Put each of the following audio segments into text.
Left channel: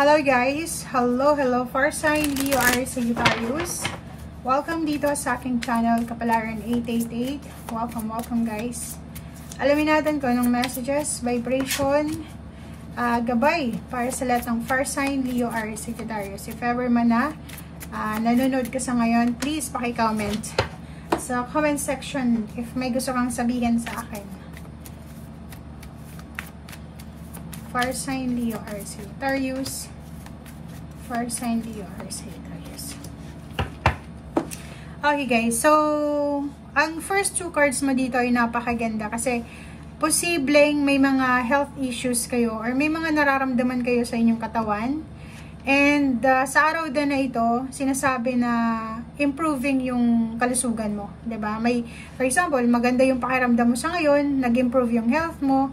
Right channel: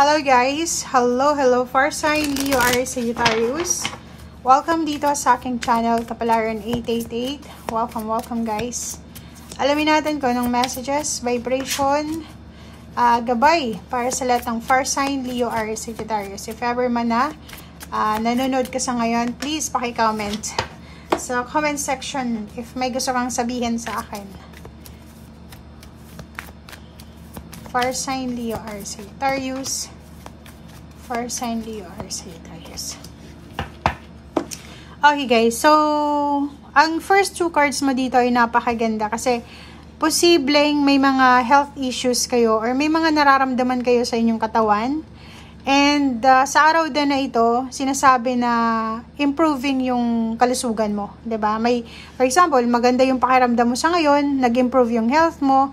Hello guys! Hello for sign Leo Aries Sagittarius. Welcome dito sa aking channel, Kapalaran 888. Welcome guys. Alamin natin kung anong messages, vibration, gabay para sa lahat ng fire sign Leo Aries Sagittarius. If ever man na nanonood ka sa ngayon, please paki-comment sa comment section if may gusto kang sabihin sa akin. Fire sign Leo Aries Sagittarius. Fire sign Leo Aries Sagittarius. Okay guys, so ang first two cards mo dito ay napakaganda kasi posibleng may mga health issues kayo or may mga nararamdaman kayo sa inyong katawan. And sa araw din na ito, sinasabi na improving yung kalusugan mo, 'di ba? May, for example, maganda yung pakiramdam mo sa ngayon, nag-improve yung health mo.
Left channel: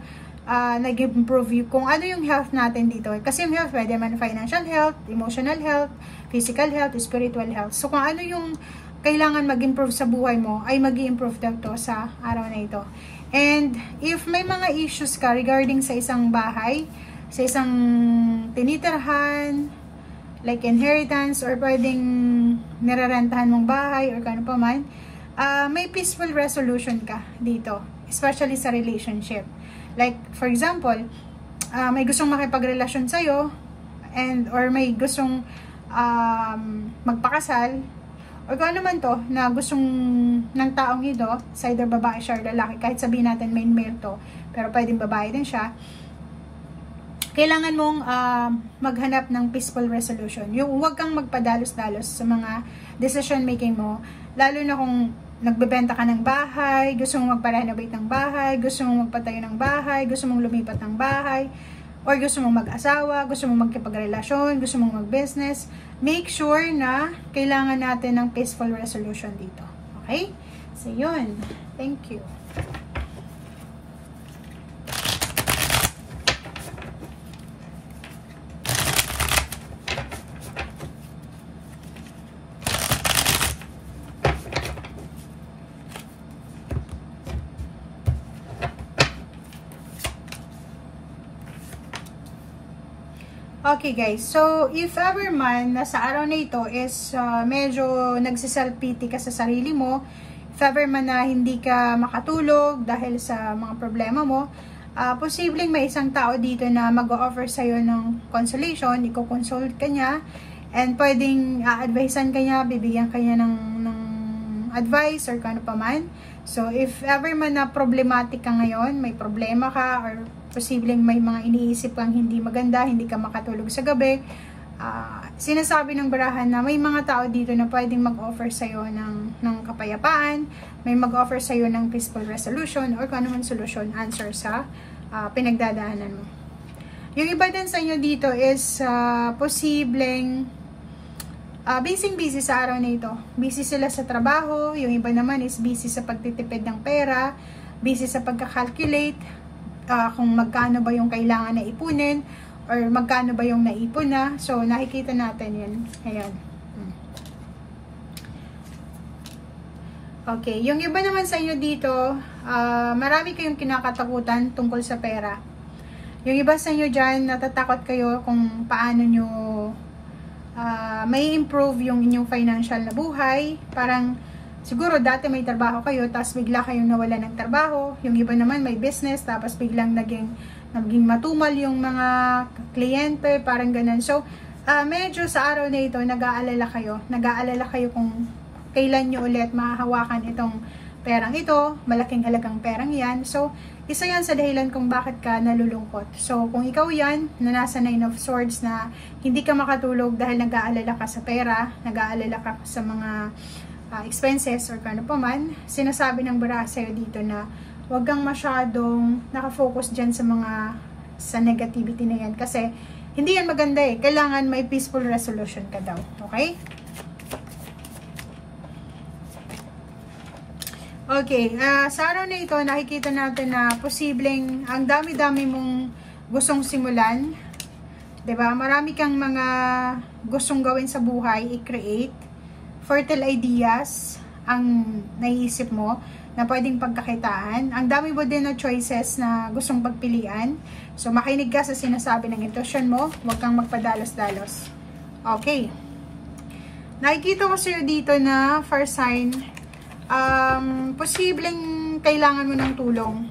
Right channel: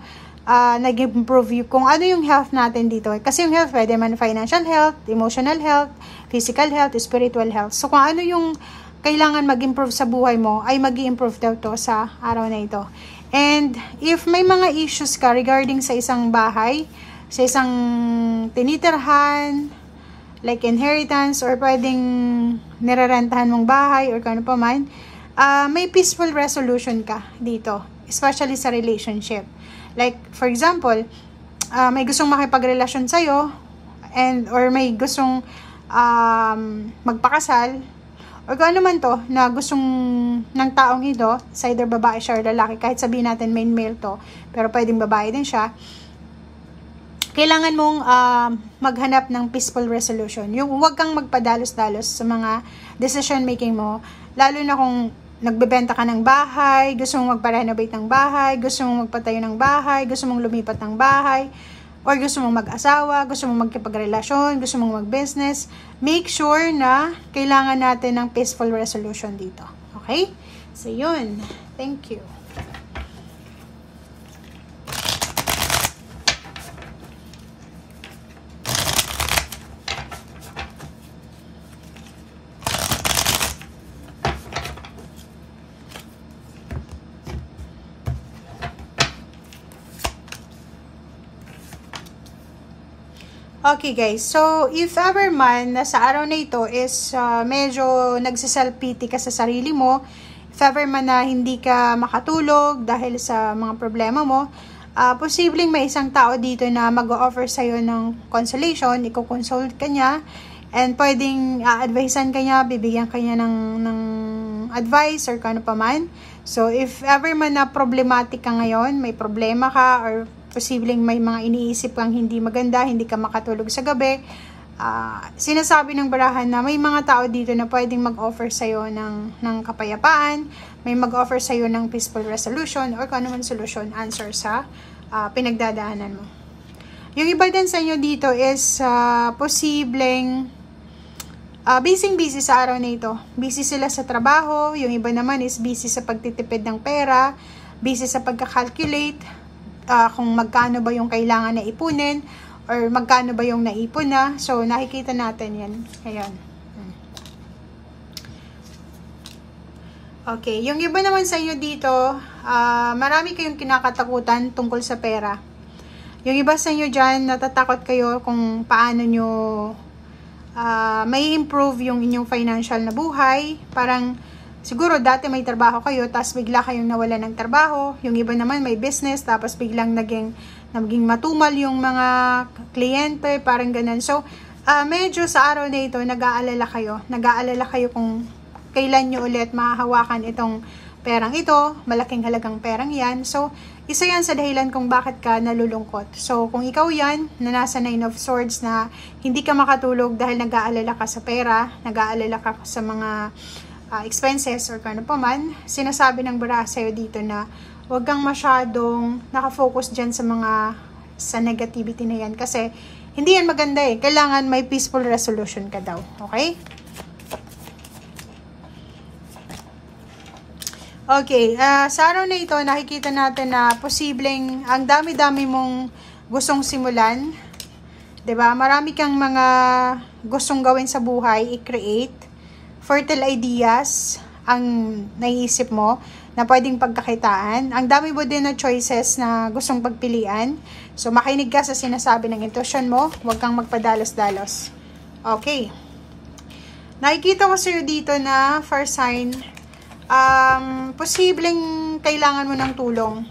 Nag-improve kung ano yung health natin dito. Kasi yung health, pwede man financial health, emotional health, physical health, spiritual health. So, kung ano yung kailangan mag-improve sa buhay mo, ay mag-improve daw to sa araw na ito. And, if may mga issues ka regarding sa isang bahay, sa isang tinitirhan, like inheritance, or pwedeng nirerentahan mong bahay, or kano pa man, may peaceful resolution ka dito. Especially sa relationship. Like, for example, may gustong makipagrelasyon sa'yo, or may gustong magpakasal, or kung ano man to, na gustong ng taong ito, sa either babae siya or lalaki, kahit sabihin natin main male to, pero pwedeng babae din siya, kailangan mong maghanap ng peaceful resolution. Yung huwag kang magpadalos-dalos sa mga decision making mo, lalo na kung nagbebenta ka ng bahay, gusto mong magpa-renovate ng bahay, gusto mong magpatayo ng bahay, gusto mong lumipat ng bahay, or gusto mong mag-asawa, gusto mong magkipagrelasyon, gusto mong mag-business, make sure na kailangan natin ng peaceful resolution dito. Okay? So, yun. Thank you. Okay guys, so if ever man na sa araw na ito is medyo nagsiself-pity ka sa sarili mo, if ever man na hindi ka makatulog dahil sa mga problema mo, posibleng may isang tao dito na mag-o-offer sa'yo ng consolation, i-consult ka niya, and pwedeng a-advisean ka niya, bibigyan ka niya ng advice or kano pa man. So if ever man na problematic ka ngayon, may problema ka, or posibleng may mga iniisip kang hindi maganda, hindi ka makatulog sa gabi, sinasabi ng barahan na may mga tao dito na pwedeng mag-offer sa'yo ng kapayapaan, may mag-offer sa'yo ng peaceful resolution, or kung ano man solution, answer sa pinagdadaanan mo. Yung iba din sa inyo dito is posibleng busy sa araw na ito. Busy sila sa trabaho, yung iba naman is busy sa pagtitipid ng pera, busy sa pagka-calculate, kung magkano ba yung kailangan na ipunin, or magkano ba yung naipon na. So, nakikita natin yan. Ayan. Okay. Yung iba naman sa inyo dito, marami kayong kinakatakutan tungkol sa pera. Yung iba sa inyo dyan, natatakot kayo kung paano nyo may improve yung inyong financial na buhay. Parang, siguro dati may trabaho kayo, tapos bigla kayong nawala ng trabaho. Yung iba naman may business, tapos biglang naging matumal yung mga kliyente, parang ganun. So, medyo sa araw na ito, nag-aalala kayo. Nag-aalala kayo kung kailan nyo ulit mahahawakan itong perang ito. Malaking halagang perang yan. So, isa yan sa dahilan kung bakit ka nalulungkot. So, kung ikaw yan, na nasa 9 of Swords na hindi ka makatulog dahil nag-aalala ka sa pera, nag-aalala ka sa mga expenses or kano pa man, sinasabi ng baraha sa'yo dito na huwag kang masyadong nakafocus dyan sa negativity na yan kasi hindi yan maganda eh. Kailangan may peaceful resolution ka daw. Okay? Okay. Sa araw na ito, nakikita natin na posibleng ang dami-dami mong gustong simulan. 'Di ba? Marami kang mga gustong gawin sa buhay, i-create. Fertile ideas ang naiisip mo. na pwedeng pagkakitaan. Ang dami mo din na choices na gustong pagpilian. So, makinig ka sa sinasabi ng intuition mo. Huwag kang magpadalos-dalos. Okay. Nakikita ko sa'yo dito na fire sign, posibleng kailangan mo ng tulong.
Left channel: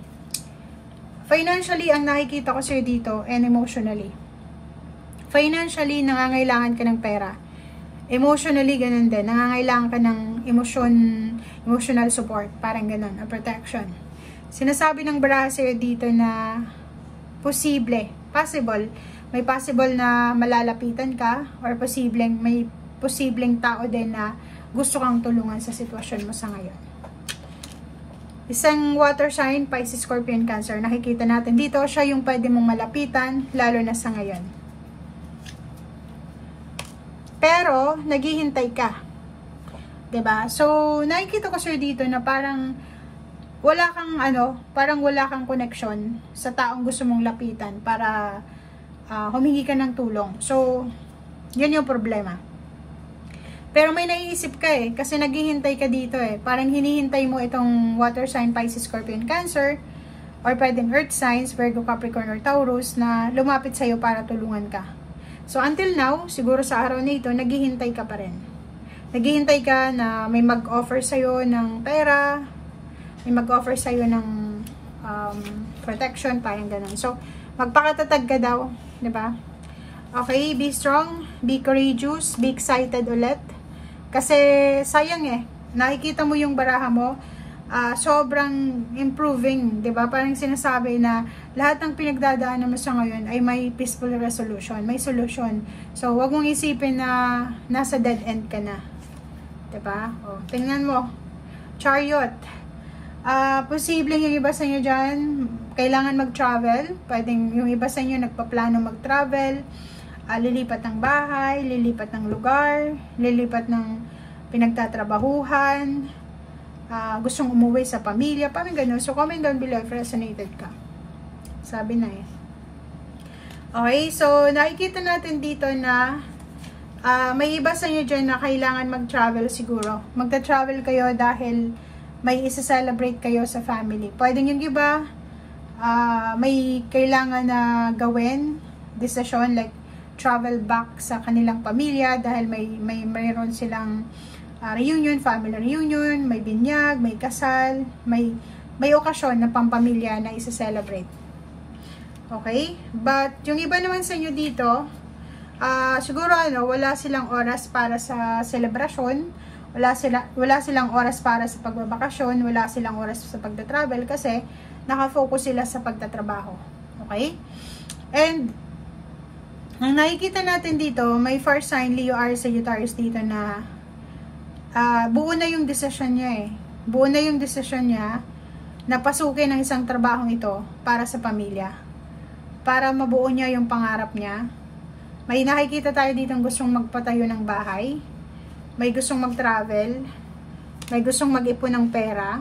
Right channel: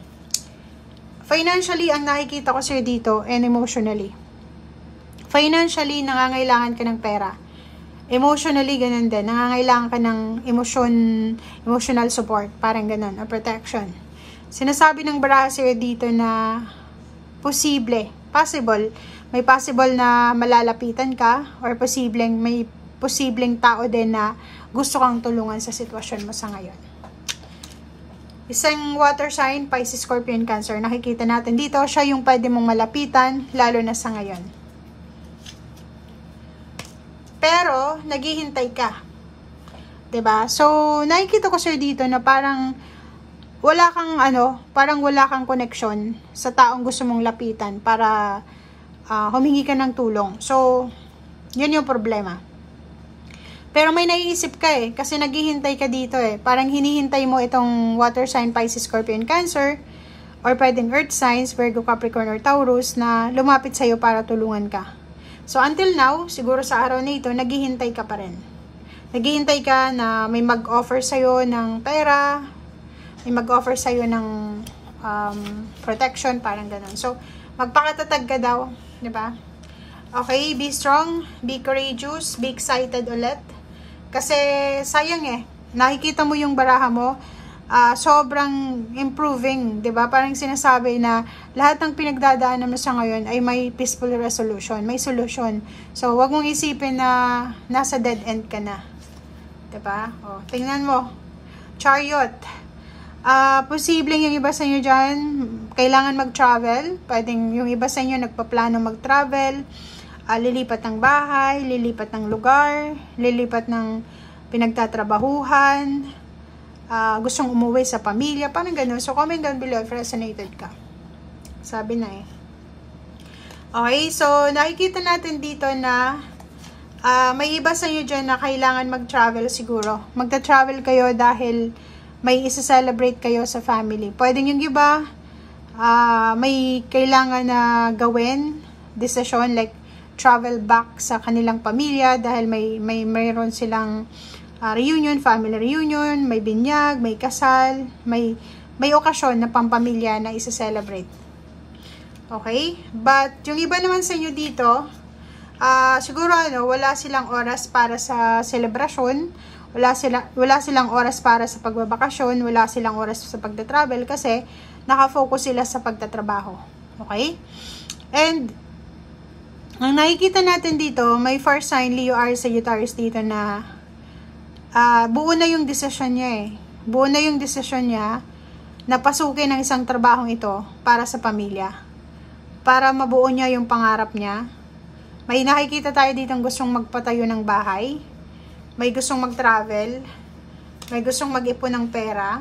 Financially, ang nakikita ko sa'yo dito, and emotionally. Financially, nangangailangan ka ng pera. Emotionally, ganun din. Nangangailangan ka ng emotional support. Parang ganun, a protection. Sinasabi ng baraha sa'yo dito na possible. May possible na malalapitan ka or may posibleng tao din na gusto kang tulungan sa sitwasyon mo sa ngayon. Isang water sign, Pisces, Scorpion, Cancer. Nakikita natin dito, siya yung pwede mong malapitan, lalo na sa ngayon. Pero, naghihintay ka. 'Di ba? So, nakikita ko sir dito na parang wala kang connection sa taong gusto mong lapitan para humingi ka ng tulong. So, yun yung problema. Pero may naiisip ka kasi naghihintay ka dito Parang hinihintay mo itong water sign, Pisces, Scorpion, Cancer, or pwedeng earth signs, Virgo, Capricorn, or Taurus na lumapit sa'yo para tulungan ka. So, until now, siguro sa araw na ito, naghihintay ka pa rin. Naghihintay ka na may mag-offer sa'yo ng pera, may mag-offer sa'yo ng protection, parang ganun. So, magpakatatag ka daw, di ba? Okay, be strong, be courageous, be excited ulit. Kasi, sayang nakikita mo yung baraha mo, sobrang improving, 'di ba? Parang sinasabi na lahat ng pinagdadaanan mo sa ngayon ay may peaceful resolution, may solution. So, wag mong isipin na nasa dead end ka na. 'Di ba? Oh, tingnan mo. Chariot. Posibleng yung iba sa inyo diyan kailangan mag-travel. Pwedeng yung iba sa inyo nagpaplano mag-travel, lilipat ng bahay, lilipat ng lugar, lilipat ng pinagtatrabahuhan, gustong umuwi sa pamilya, parang ganun. So, comment down below if resonated ka. Sabi na Okay, so, nakikita natin dito na may iba sa inyo dyan na kailangan mag-travel siguro. Magta-travel kayo dahil may isa-celebrate kayo sa family. Pwedeng yung iba, may kailangan na gawin, decision, like travel back sa kanilang pamilya dahil mayroon silang reunion, family reunion, may binyag, may kasal, may okasyon na pampamilya na isa-celebrate. Okay? But, yung iba naman sa inyo dito, siguro wala silang oras para sa selebrasyon, wala silang oras para sa pagbabakasyon, wala silang oras sa pagta-travel kasi nakafocus sila sa pagtatrabaho. Okay? And, ang nakikita natin dito, may fire sign, Leo, Aries, Sagittarius dito na buo na yung desisyon niya Buo na yung desisyon niya na pasukin ang isang trabahong ito para sa pamilya. Para mabuo niya yung pangarap niya. May nakikita tayo dito gustong magpatayo ng bahay. May gustong mag-travel. May gustong mag-ipon ng pera.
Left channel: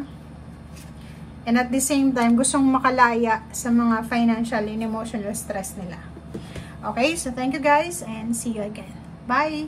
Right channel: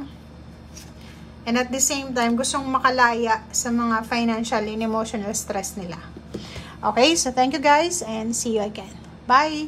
And at the same time, gustong makalaya sa mga financial and emotional stress nila. Okay, so thank you guys and see you again. Bye!